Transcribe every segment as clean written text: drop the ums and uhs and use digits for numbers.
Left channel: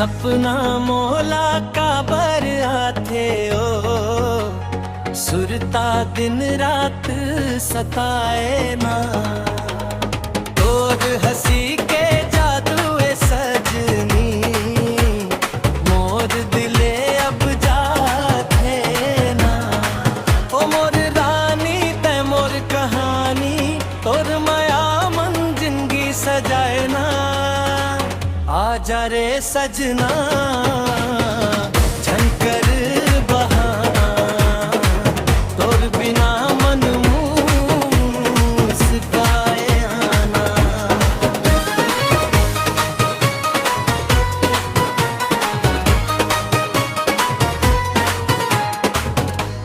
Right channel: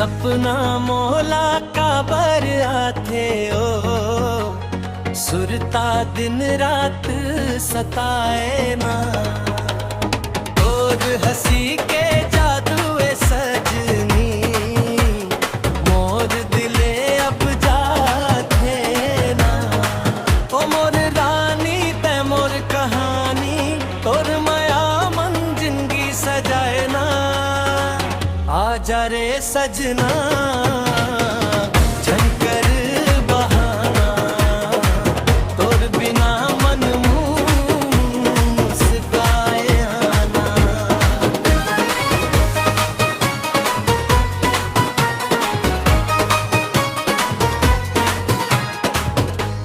सपना मोला का बर आथे ओ, सुरता दिन रात सताए ना। तोर हंसी के जादू ए सजनी, मोर दिले अब जाथे ना। ओ मोर रानी ते मोर कहानी, तोर माया मन जिंदगी सजाए ना। आजा रे सजना झनकर बहाना, तोर बिना मन मुस्काए आना।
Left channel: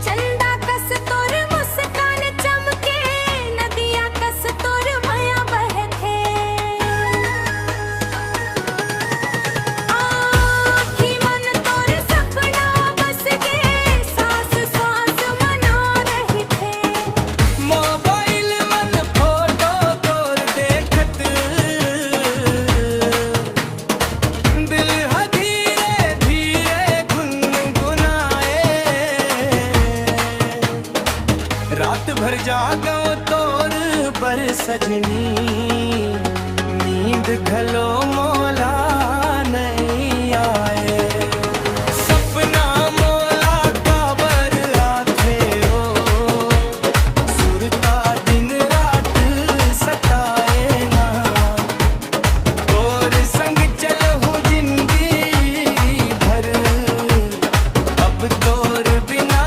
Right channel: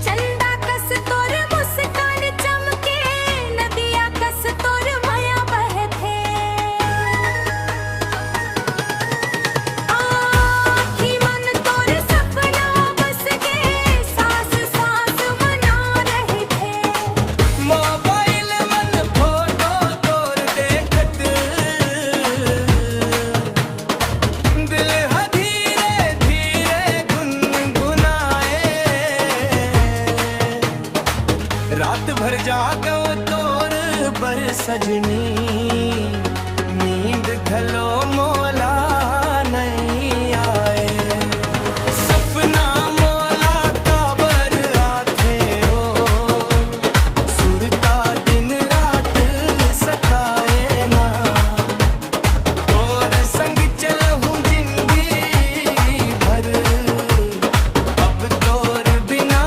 चंदा कस तोर मुस्कान चमके, नदिया कस तोर माया बहथे। रात भर जागो तोर बर सजनी, नींद घलो मोला नहीं आए। सपना मोला का बर आथे ओ, सुरता दिन रात सताए ना। तोर संग चलहूं जिंदगी भर, अब तोर बिना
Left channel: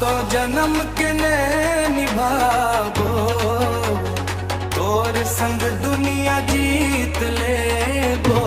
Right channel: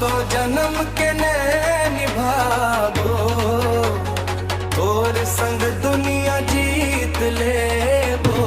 तो जन्म के ने निभाबो, तोर संग दुनिया जीत लेबो।